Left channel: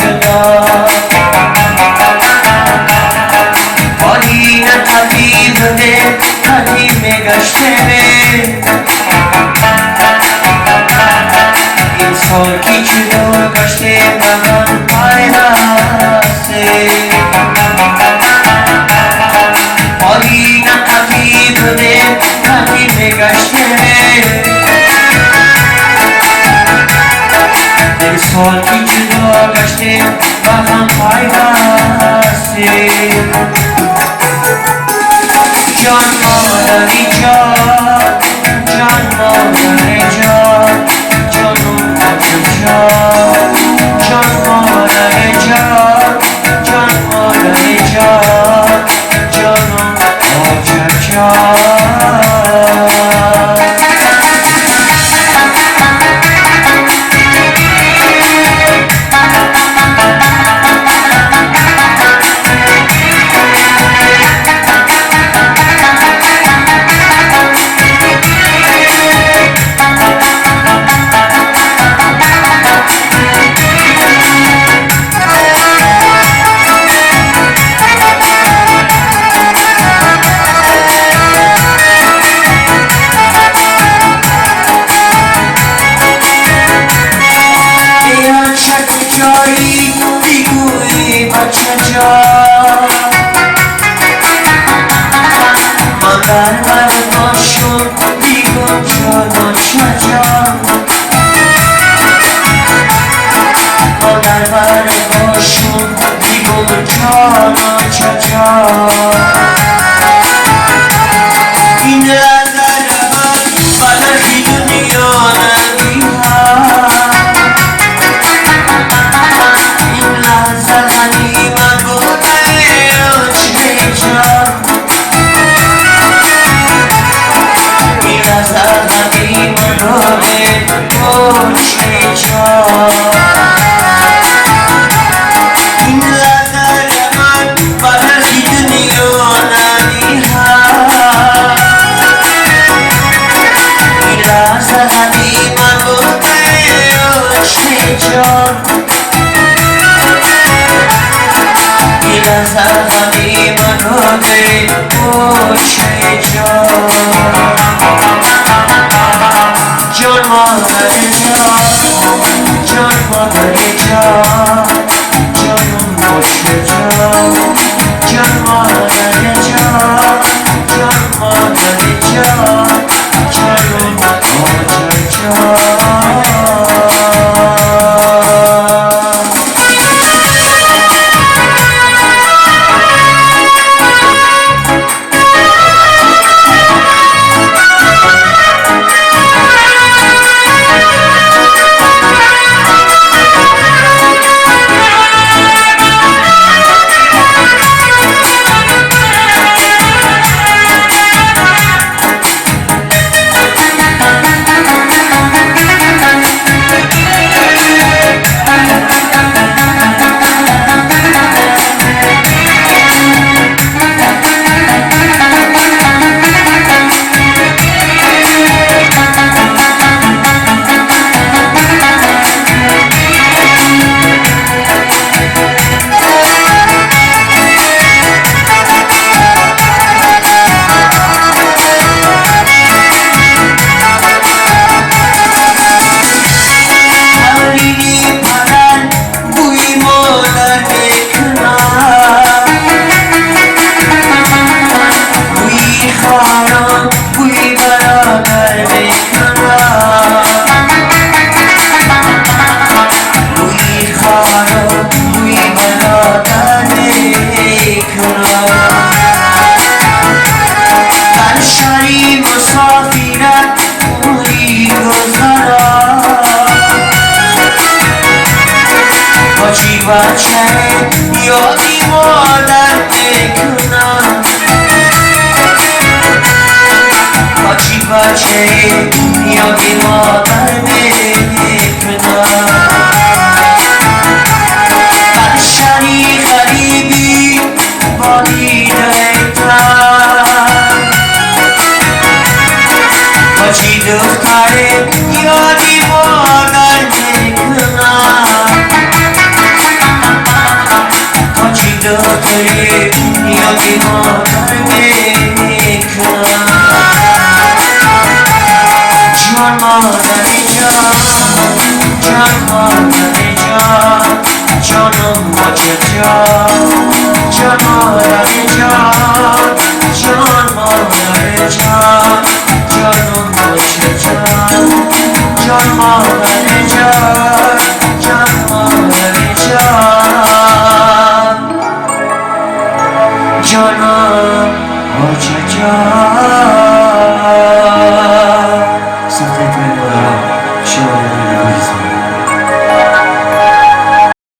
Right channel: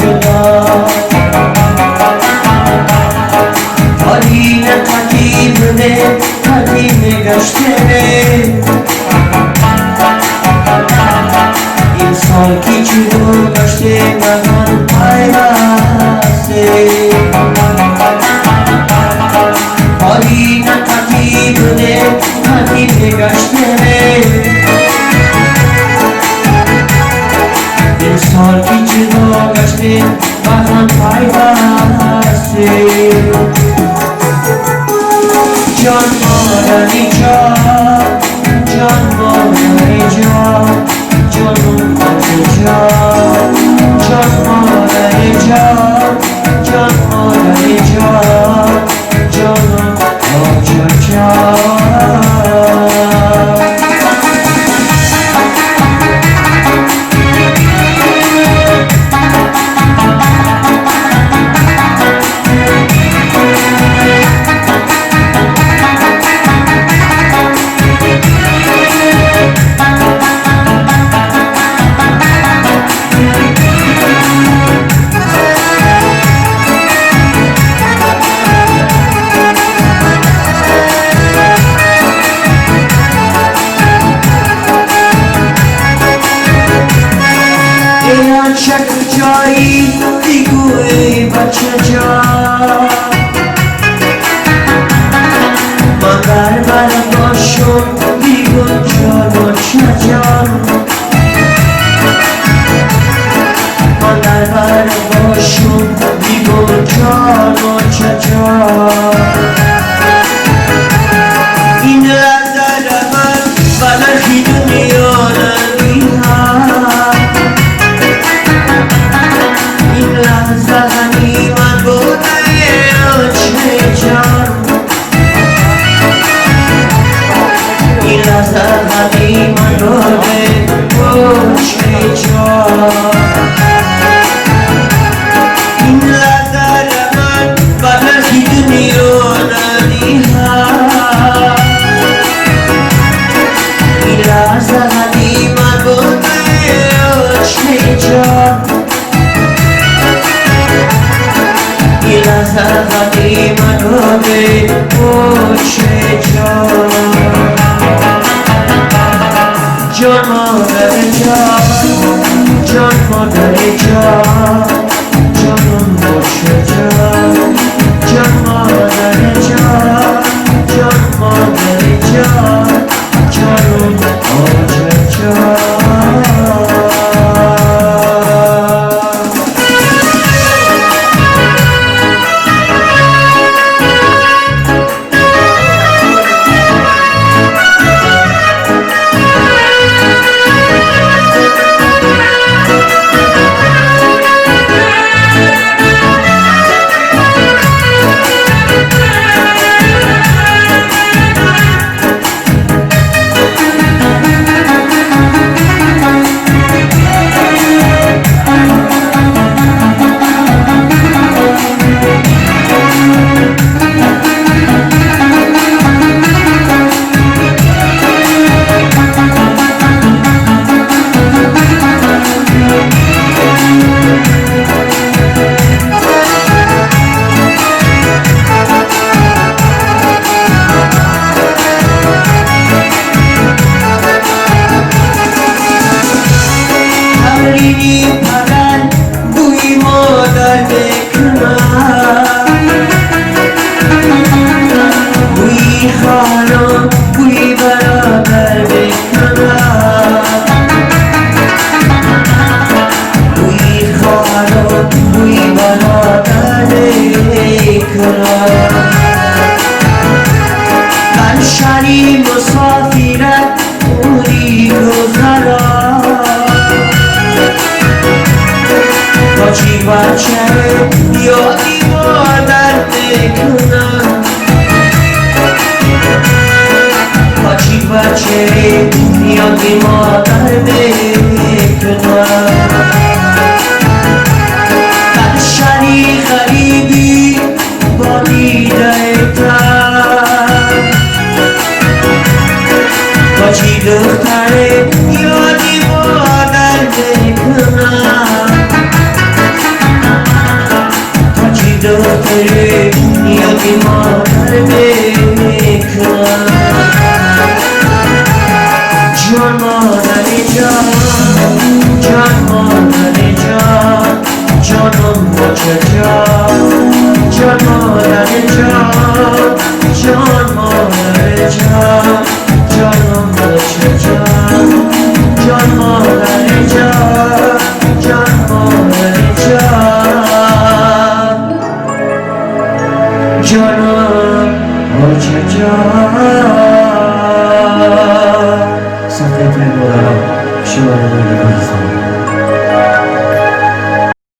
جدا حالی نه طبیب ده قدیم گشته این سال کی چیلو گشته مهم پایرسته حالی نه طبیب ده قدیم گشته سال کی جدا گشته و هم پایبسته جان مادری جان جان مادری جان جانم آجو جان جان مادری جان جان مادری جان جانم آجو جان دیگوی بچه جان من در برداشون دیگو جانم شجان من در برداشون دیگو جانم شجان این لحظه من بلخی دنیا نمیها زهدی من رو به پشت جان این لحظه من بلخی دنیا نمیها این لحظه من رو به پشت جان این لحظه من رو به پشت جان جان مادری جان جان مادری جان جانم باشه جان جان مادری جان جان مادری جان جانم باشه جان یادی مادر بکنم بچی بچه یادی مادر بکنم بخشری غریبی با دیده تن بچی دختره یادی مادر بکنم জীবনকে জন্মদারে জন্মদারে জন্ম বছে জন্মদারে জন্মদারে জন্ম বছে জন্মদারে জন্মদারে জন্ম বছে